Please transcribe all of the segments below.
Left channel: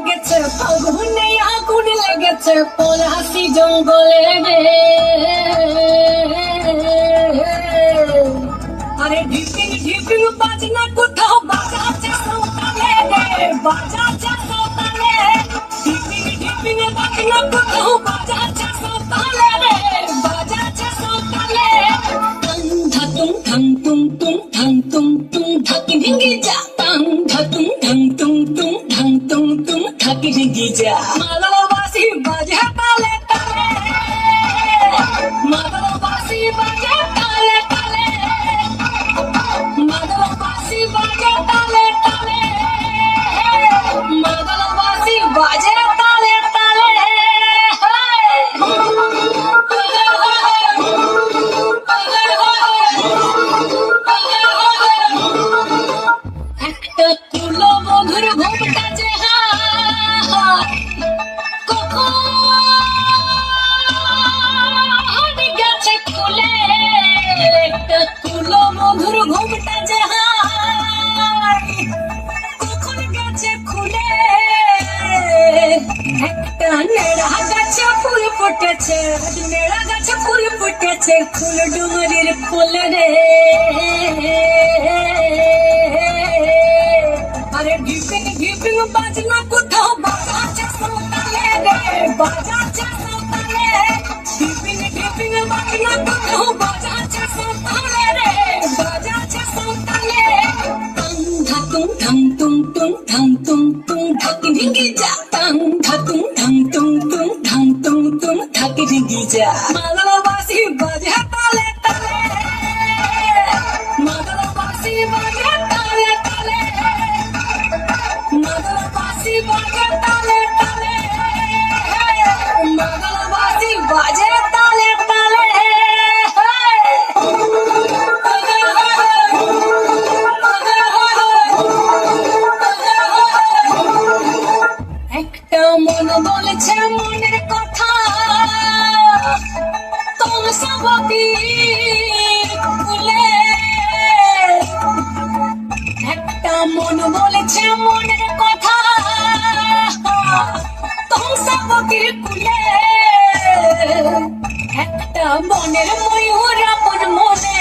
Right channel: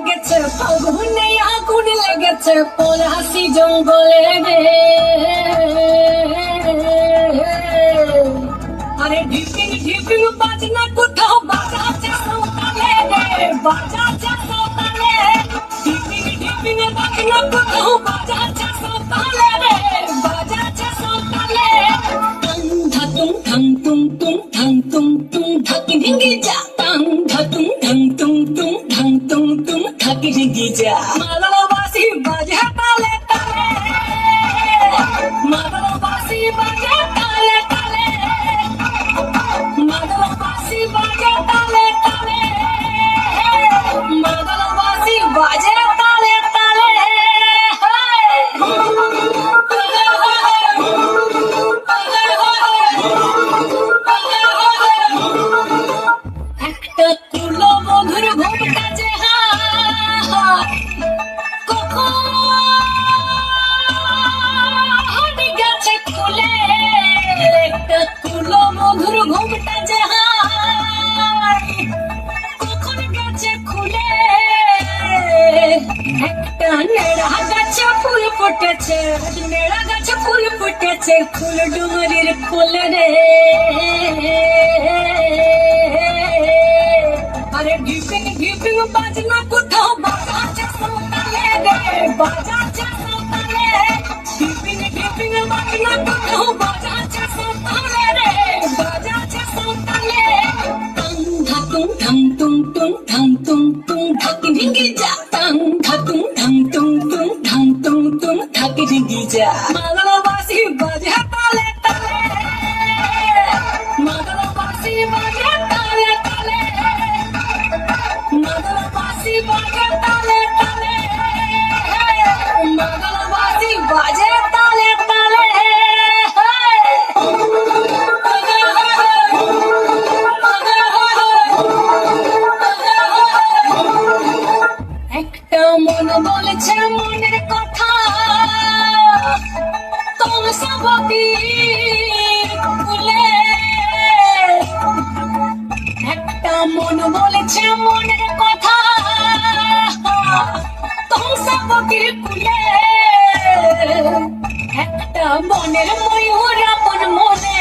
লেগেছে ফাগুনে আগুন লেগেছে পলাশি জঙ্গলে রে। আরে ঢিপিং ঢিপিং বাজনা কোথাও বাজাচ্ছে সৌতালে রে, বাজাচ্ছে সৌতালে। ঢিপিং ঢিপিং বাজনা কোথাও বাজাচ্ছে সৌতালে রে, বাজাচ্ছে সৌতালে। টাং ধাতুং ঠাং তুং তুং ঠাং তুং তুং ঠাকি ঢিঙ্গি যা। টাং ধাতুং ঠাং তুং তুং ঠাং তুং তুং ঠাকি ঢিঙ্গি যা। মাদলবাসি বাজে তালে তালে, মাদলবাসি বাজে তালে তালে, মাদলবাসি বাজে তালে তালে, মাদলবাসি বাজে তালে তালে। একটা তুলো মধুর ঘুমটা যে কখন গেছে খুলে, একটা তুলো মধুর ঘুমটা যে কখন গেছে খুলে। একটা নেড়া গাছে ফুল ফুটেছে, নেড়া গাছে ফুল ফুটেছে ফুল ডুমরির কোলে রে। আরে ঢিপিং ঢিপিং বাজনা কোথাও বাজাচ্ছে সৌতালে রে, বাজাচ্ছে সৌতালে। ঢিপিং ঢিপিং বাজনা কোথাও বাজাচ্ছে সৌতালে রে, বাজাচ্ছে সৌতালে। টাং ধাতুং ঠাং তুং তুং ঠাং তুং তুং ঠাকি ঢিঙ্গি যা। টাং ধাতুং ঠাং তুং তুং ঠাং তুং তুং ঠাকি ঢিঙ্গি যা। মাদলবাসি বাজে তালে তালে, মাদলবাসি বাজে তালে তালে, মাদলবাসি বাজে তালে তালে, মাদলবাসি বাজে তালে তালে। একটা মন বলেছে মনের কথা তমসাবতীর কুলে, একটা মন বলেছে মনের কথা তমসাবতীর কুলে। একটা মনের ময়ূর আপন মনে,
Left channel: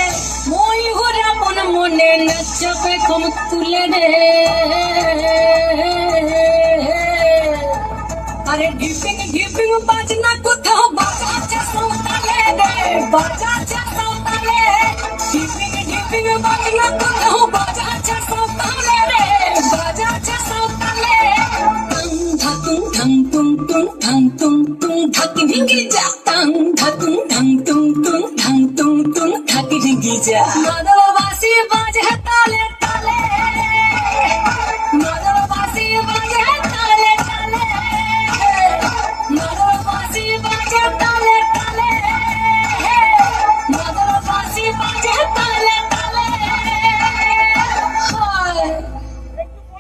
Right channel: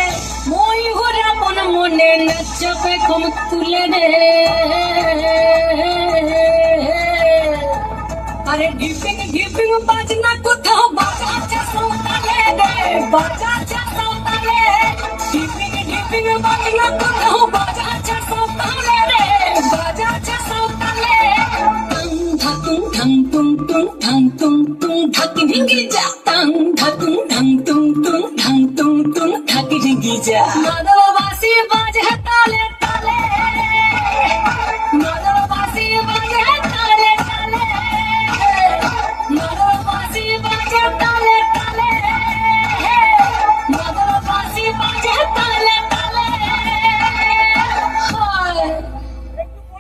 ময়ূর আপন মনে নাচবে ঘুম তুলে রে। আরে ঢিপিং ঢিপিং বাজনা কোথাও বাজাচ্ছে সৌতালে রে, বাজাচ্ছে সৌতালে। ঢিপিং ঢিপিং বাজনা কোথাও বাজাচ্ছে সৌতালে রে, বাজাচ্ছে সৌতালে। টাং ধাতুং ঠাং তুং তুং ঠাং তুং তুং ঠাকি ঢিঙ্গি যা। টাং ধাতুং ঠাং তুং তুং ঠাং তুং তুং ঠাকি ঢিঙ্গি যা। মাদলবাসি বাজে তালে